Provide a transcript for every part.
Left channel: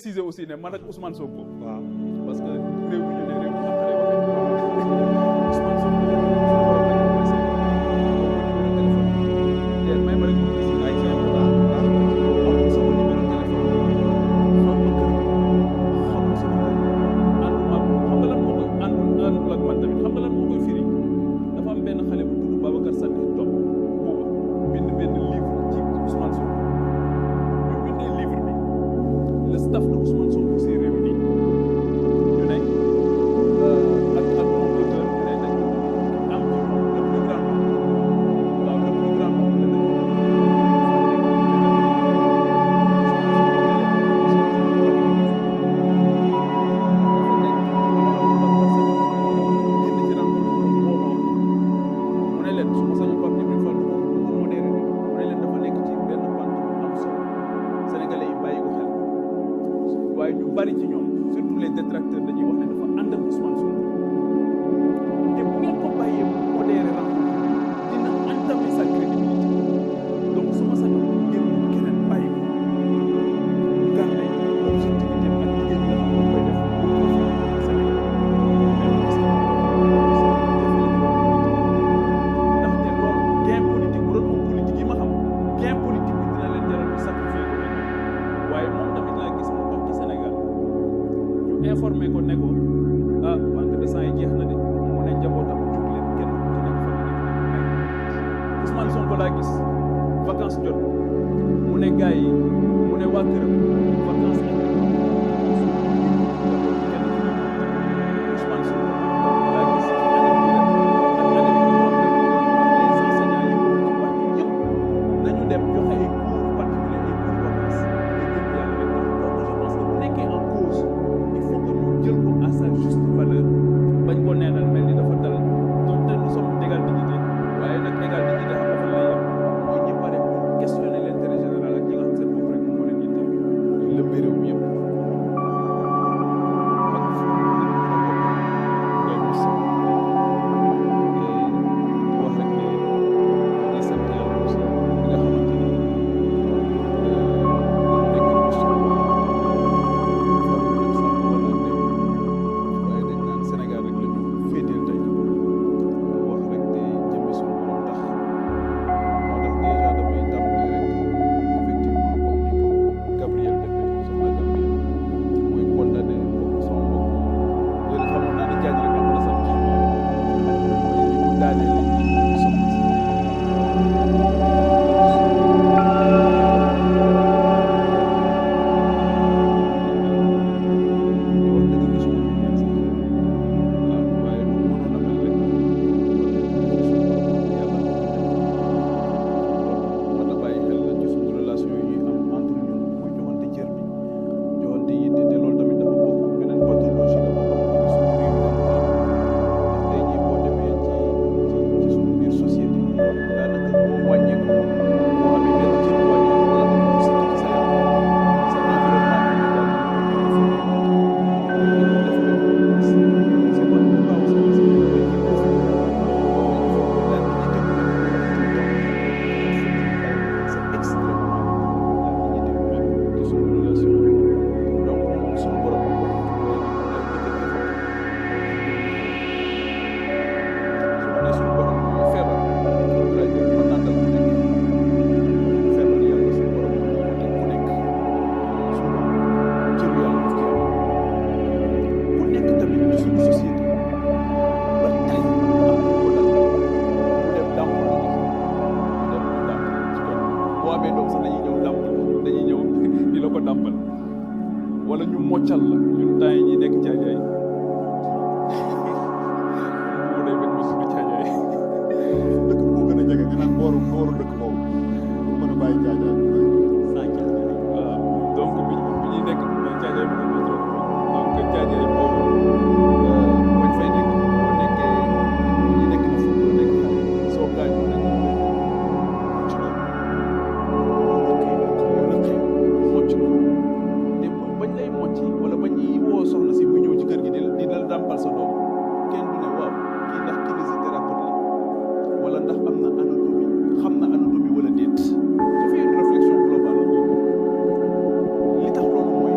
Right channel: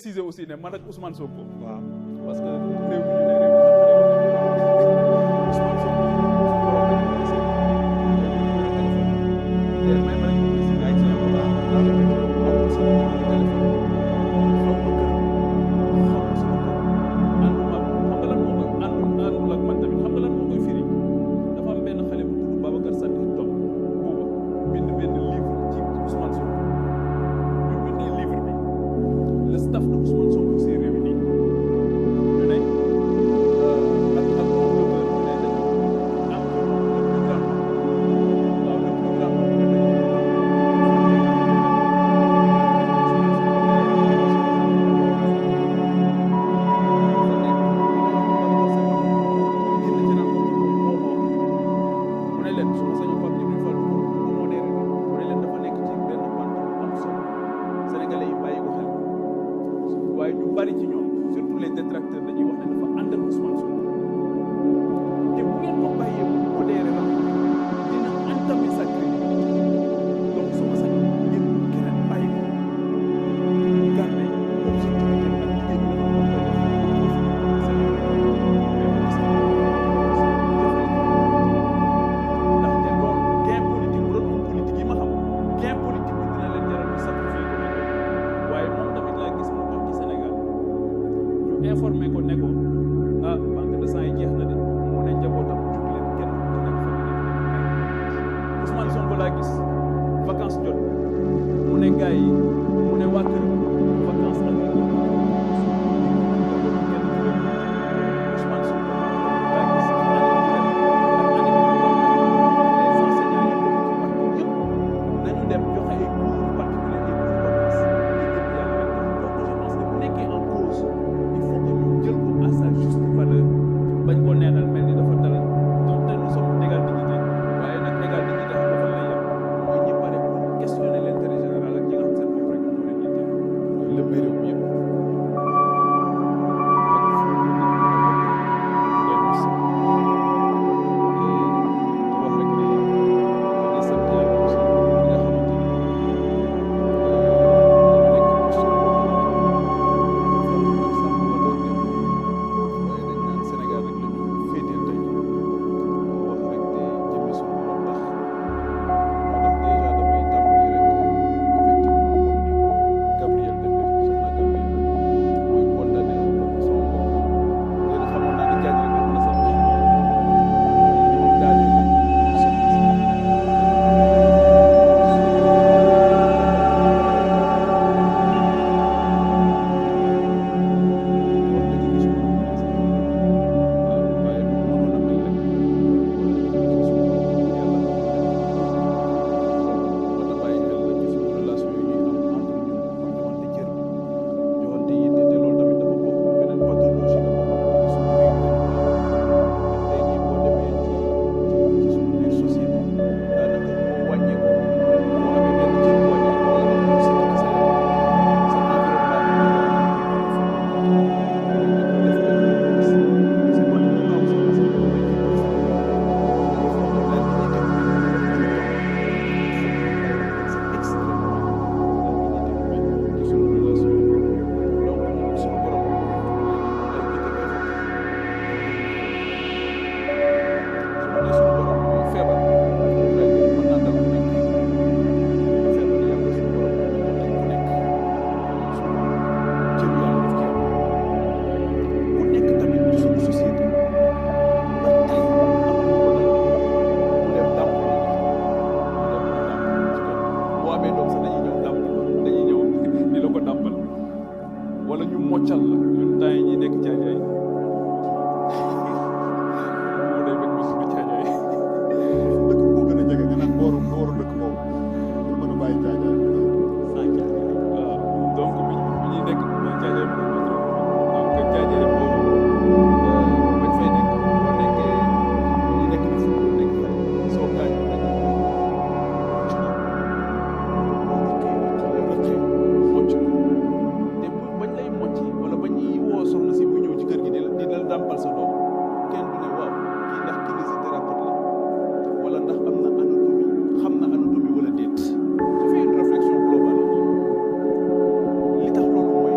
préciser aussi ne man ak Ousmane Sonko. waaw parce que réew mi ñu ne réew mi naqaree waxee. Ousmane Sonko suñu borom rek mooy seen numéro téléphone. te may ma rek ma préciser ay c'est important amul sama numéro téléphone xaw ma kër xaw ma sama kër ànduma xam nga lan moo koy àndul ak man tamit xam nga lan moo koy firi dafa am benn xale bu tudd Babacar Sadikh Top booba bind benn livre ci Ousmane Sonko ñu bindee livre bi le staff de Ousmane Sonko s'est réuni ñu ne ak comploteur ñu ne dañu am ci moom le plus grand nombre waaw le plus grand nombre dañu mu ne leen su ma sañoon Pape Djibril Fall du ko modéré mu ne leen dafa nekk ci benn pante bu am solo sénégalais yi bàyyi ko xel waaye ñu bari ci ñoom surtout les détracteurs dañuy wax ne dafa ànd ak Ousmane Sonko te bu ngeen ko bàyyee mu modéré rencontre dina entamer sa crédibilité donc su ma sañoon ngeen keneen bàyyi ko mu garder objectivité ak liggéey bi nga xam ne koy def pour Sénégal mais man gis nga ndaxte loolu gain politique bu doon homme politique yi ma xam gain politique bi dina leen jaral ñu sacrifier ko nekk waaye moom tamit laa gis mu toog ci Sénégal ñu informé ko ne ko ah banque de sang yi jeex na de mu ne njabootam jug leen kenn ku ci nekk fa nga nekk Ousmane Sonko laa gis vacances jot mu ne gars yi mu ne waa këram vacances ak njaboot kenn ku nekk Ousmane Sonko laa gis ci année bi ren ak année bi ñu wax les enseignants yi bokk ci parti yëpp nañu dem joxe ay cours particuliers ay cours vacances te jëm yàlla rek tax donc je pense que bu nekkee en cause il faut que ñu jël ko à sa juste valeur bañ ko neenal mel ni dafa dal donte nous sommes d'égal dignité waaye nag égal dignité xam dafa lay yem mooy ñi pare pour questionner l'intérêt général ak ñi nga xam seen bopp rek moo leen yitteel lëmbe réew mi yëpp ak fu nit mën a bokk ngay mos te di wax rek ne dañuy sant yàlla aussi bi nga xamante ni dañu nekk posture boo xamante ni faruñu ak sàmm wala ak dem waaye dañ naan Sénégal rek la ñu féeteel tey wax rek te jëmmi suñu borom tax moo tax déjà damay tàmbali rek effectivement comme ni ko Gabriel defee soxna Gabriel mooy condamné bokk sama mbokk léegi xamoon naa ne jaaj rek la mën a sant mooy li mu daanee la ci soxna si wax dëgg gisuma lu mel sax waaw waaye lu mënoon a mel rek wala suñu borom yàlla ko loolu moo tax bàyyi xel la ci suñu relation yi ñuy am entre ñun muy joxante cër bi joxante yitte te loolu tamit dafa bokk beneen pathologie la boo xamante ni suñu réew mi dañu ko am ndax tey jii boo demee ci suñu biir société daanaka boo wàññeeku boo amee benn cër bu wàññeeku wala nga mu sikki ci sa yaram sa environnement immédiat def benn c'est pas lu kaw soxna si damay ci profité wax ne il faut que la dignité humaine ñu wax tout le temps c'est extrêmement important la dignité humaine ci suñu relation donc suñu borom bi ko tudd léegi moom lay njëkk a évoqué su ma nee suñu borom mooy feebar lay def mën naa dal ku nekk feebar yàlla suñu borom mën na ko teg ku nekk souvent cëru yàlla daf ci am ku nekk tamit ci suñu société ba tey am na ko dal mu dem dàmp lu ji mu dem ñu dàmp ci koñ boo amee doom sax dañuy ñëw dàmp dañuy ñëw di la ko dàmpal wala ñu moccal la ñun temps yi ñuy nekk caajaay mu day bañ ma tudd caajaay dëkk boo gën a jege nga naan booru dëkk boobu pour mën a bàyyi caajaay waaw donc bi ñuy nekk caajaay mën na trop donc caajaay boobu bañ fay nekk boo nekkee bu ñuy nekk di football nekk xale soo gaañoo dañuy koy mocc la boo rëqee mocc la te bañ lay mocc wala ba ñuy woo soxna si muy ñëw ci kër gi di la dàmpal sa doom kenn du ne waaw kii ndax kinésithérapeute la wala ndax am na anatomie xam na anatomie wala déet. Je fais une réflexion globale li tax loolu mooy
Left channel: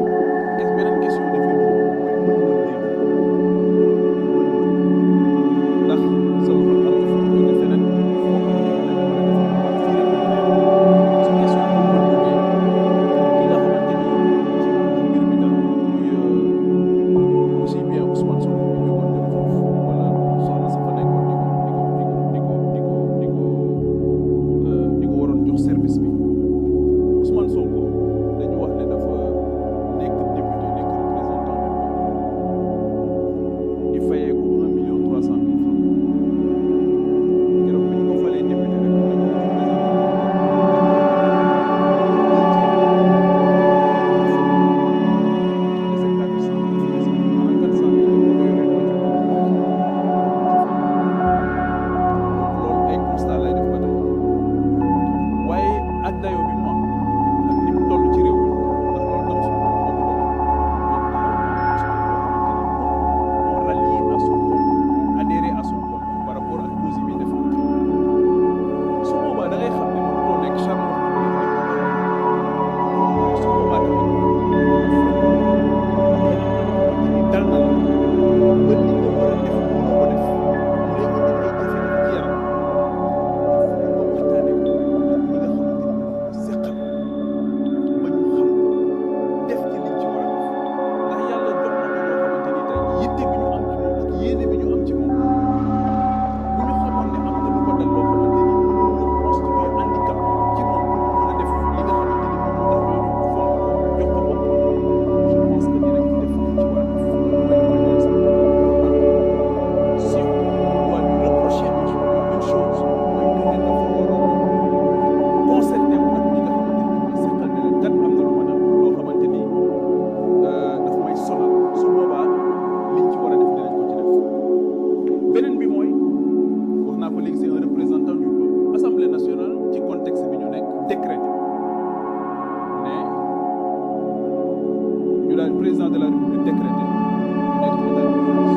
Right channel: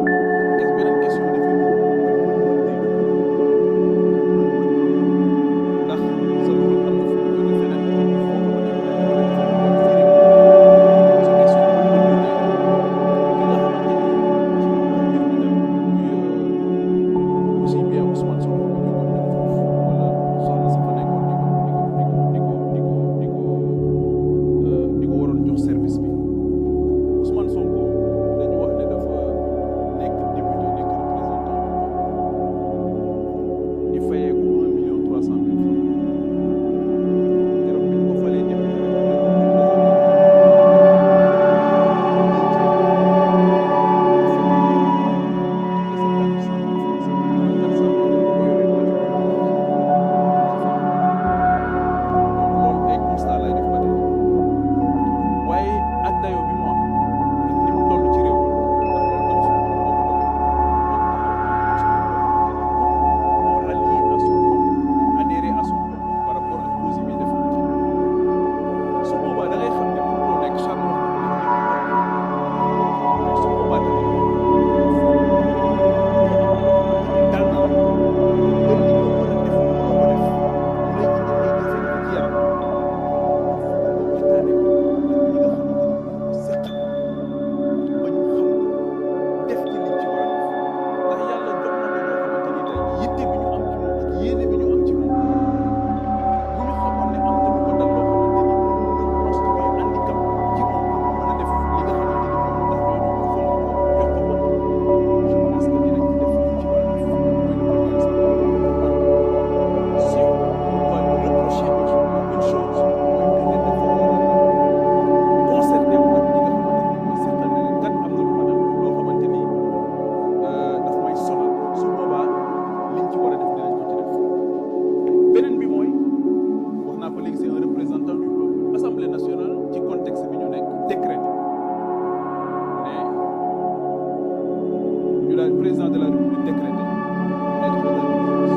président de la République décrété ñu nekk ci état d'urgence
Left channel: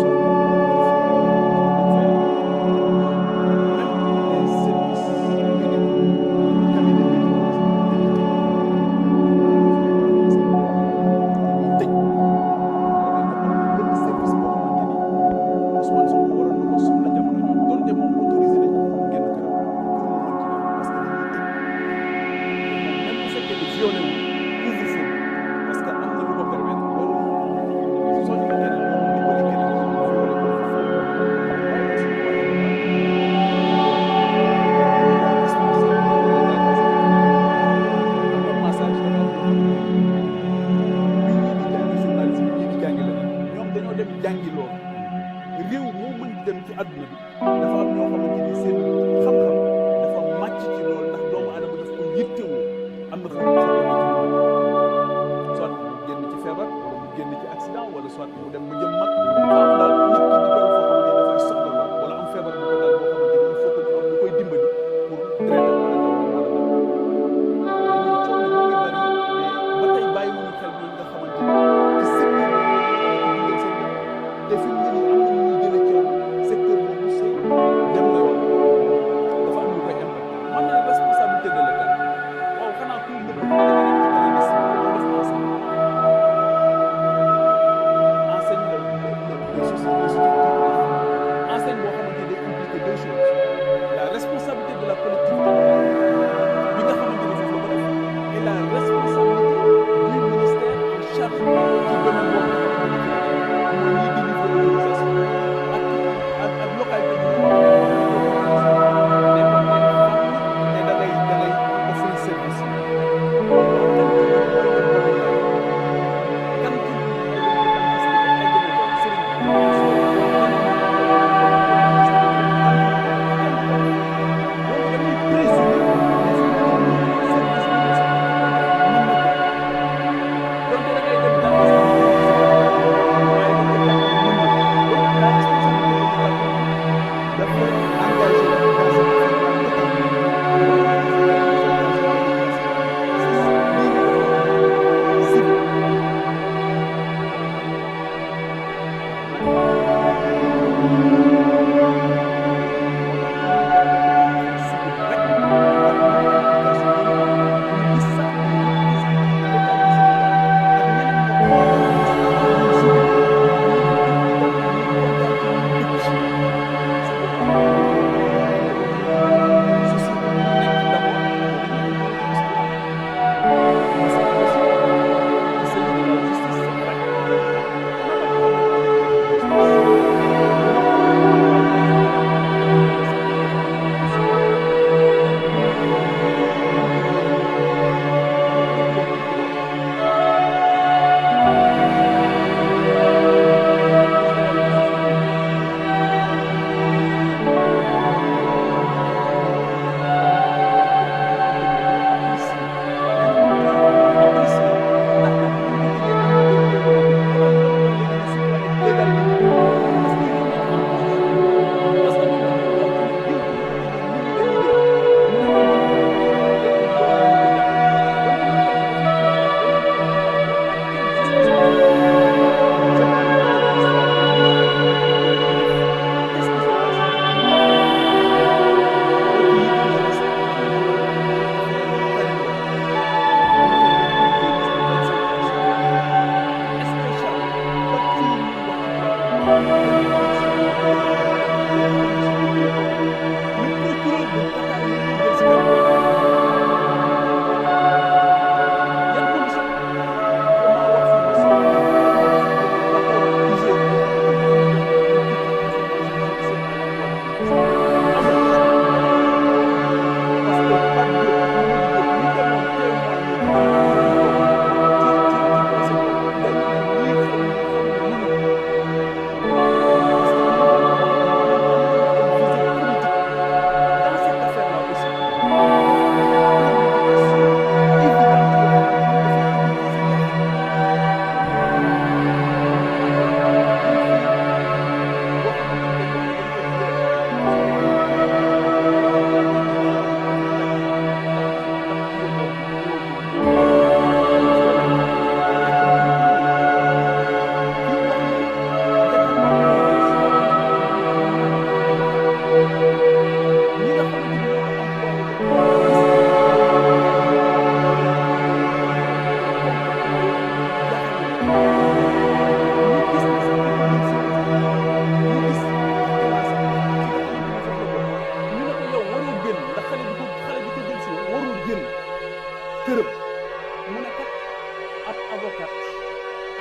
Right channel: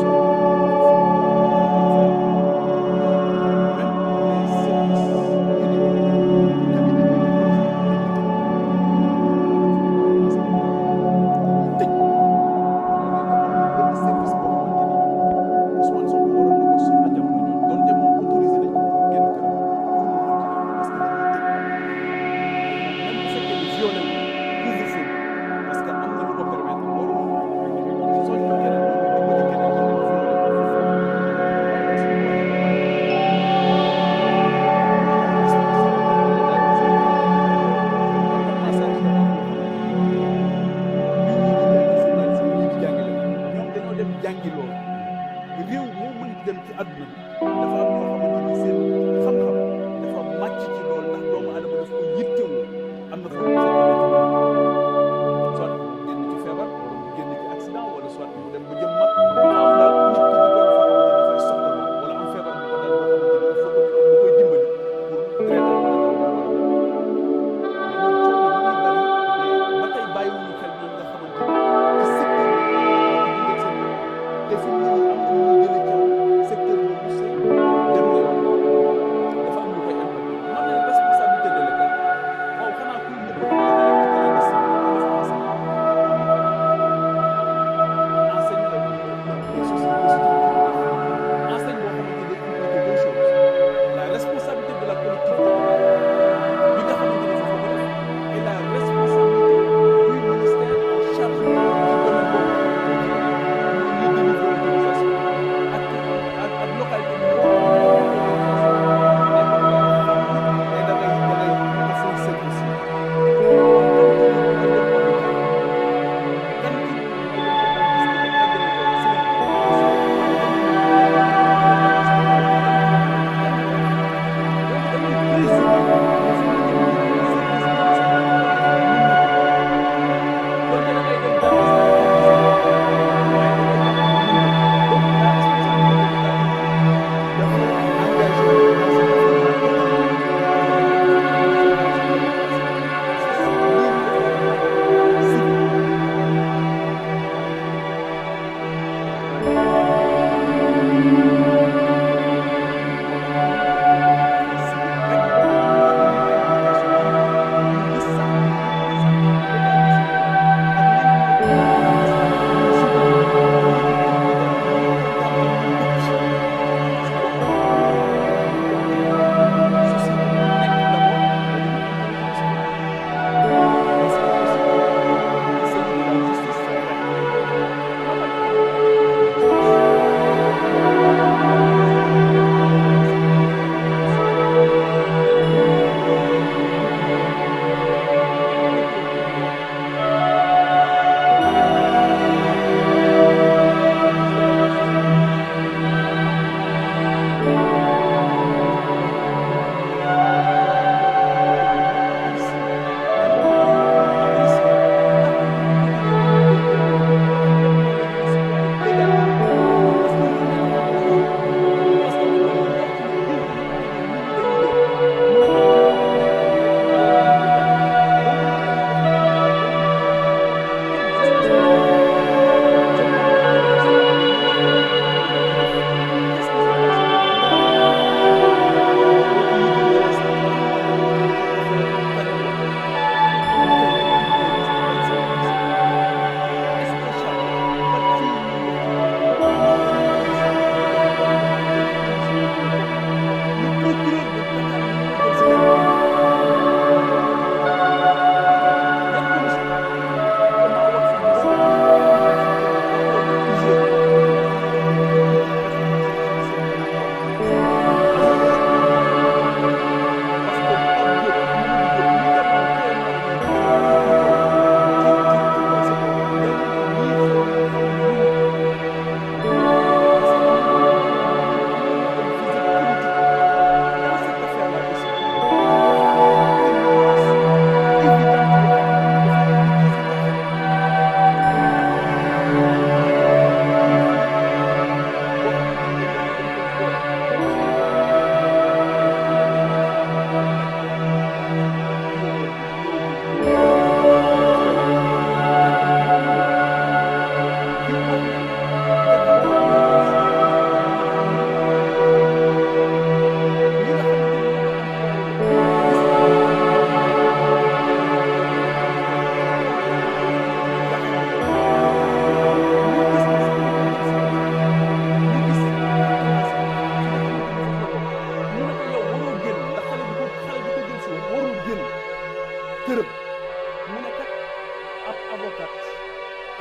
sorti même les services médicaux cabinet service boo xamante ni Ousmane Sonko waroon na ko soxla jamono jooju donte moom autorisé nañ ko pour mu génn këram pour mu mën ci dem parce que dañuy tëj même bu fekkee ne violé wu couvre-feu parce que am na lu ko permettre loolu soñ ko keneen loolu dimbali keneen ci violé couvre-feu waaye aussi ñu waxee ba pare am na massage dafa am loo xamante ni bi ñii di jàngi journalisme ñii di jàngi leneen ñoom dañoo dem jàngi loolu réew moo mën di dem ci àdduna bi dafa am ñoo xamante ni seen xam-xam dafa màcc ci loolu ndax doomu aadama daf ko yittewoo am na foofu foo ko nekk soit mu génn ci feebar wala mu génn ci accident wala soit mu dem ba jëm mag faaw daal nit ki di toll foo xamante ni dafay soxla lool wala am feebar bu ko dal boo xamante ni il faut que ñu am lu koy dimbali pour traiter wala daw dem wala daw mais ñun coow li mu ngi bari mais ba tey bàyyiwuñu xel ñooñu nga xamante ni ci secteur boobu ci dundal seen bopp te fi mu ne nii am na ñuy jëlee coow secteur boobu c'est dem na yoon dafa am lu koy impacté man ne responsabilité de l'État waaw xanaa kuy nëbb da nga def ci clandestin bi def enseigne le structure enseigne boo xamante ni day impliqué deux choses la responsabilité de la collectivité locale bi nga xamante ni foofu la ko def et la responsabilité du ministère en charge ci domaine boobu nga xamante ni ci la mooy ñuy délivrer autorisation ak localité bi ñu autorisation nekkoon ne xam ne da ngay offrir service yi waaw kan ci ñun mooy dem hôpital kan ci ñun mooy dem ci dentiste ba egg na ko sëriñ bi donc damay présumer ni fi mu ne nii service bi ñu soxla ci ko def mën na ko donte da ngay dem dentiste waaye da ngay jàpp ne mën na ko donc la responsabilité de l'État dafa engagé dans cette affaire-là totalement lii ñu dafa war a nekk civil waaw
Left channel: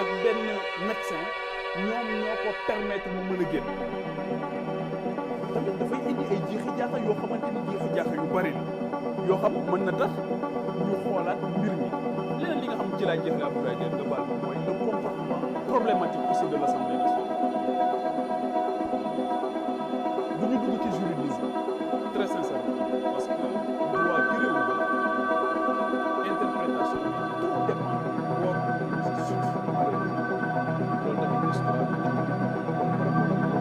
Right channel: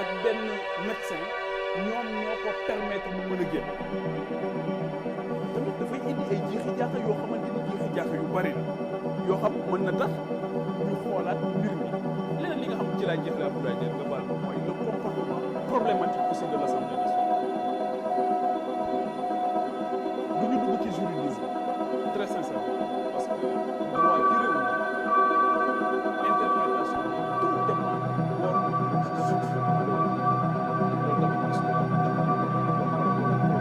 ak benn médecin ñoom ñoo ko permettre mu mën a génn tamit dafay indi ay jiixi jaaxa yoo xamante ni jiixi jaaxa yu bari la yoo xam mën na tax ñu xoolaat mbir mi leneen li nga xam ci laay jeexle Abdoulaye Diène nga baal moom mooy le comportement problématique aussi de l'Assemblée nationale du ñu dugg ci juridisme très sincèrement parce que droit ci réew mi interprétation bi tout dépend du bord surtout malheureusement loolu tamit histoire bi dëkk bi moom moo ko par rapport ak problème yi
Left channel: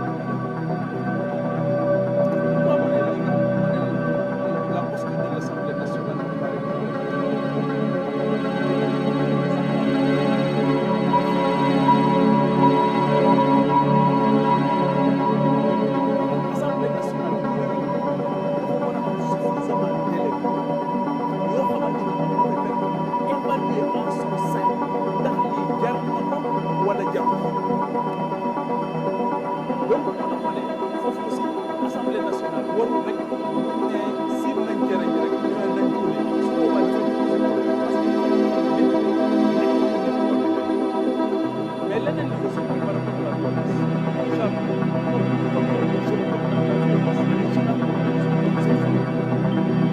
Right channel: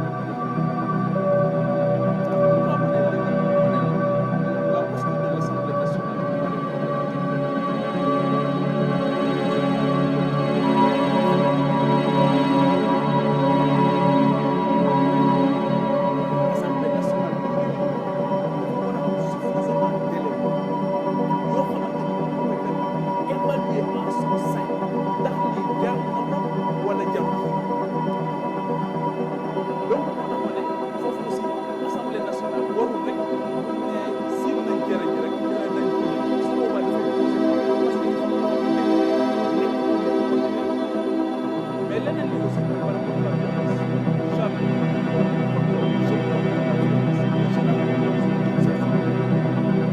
nga xam ne la posture de l'Assemblée nationale me paraît problématique. Assemblée nationale bu réunir dafa war a am suffisamment d'éléments yoo xamante ni moom moo koy permettre évaluer en son sein ndax lii jar na ko wala jarul donc moo tax ma ne foofu aussi Assemblée nationale warul rek bu ne siim nañ cere ji rek ñu ne nañ ko léegi su boobaa dafay poser problème parce que il faut que ñu xam ne nekk ordinaire mais leneen li aussi mooy par rapport à la violence Charles comme je condamne la violence mais je la condamne sous toutes ses formes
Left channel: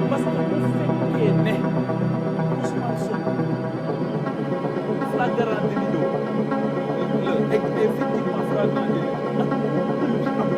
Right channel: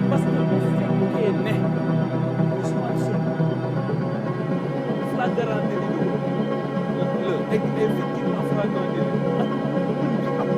parce que bu fekkee ne Ousmane Sonko flagrant délit la effectivement flagrant délit ak bu mën di am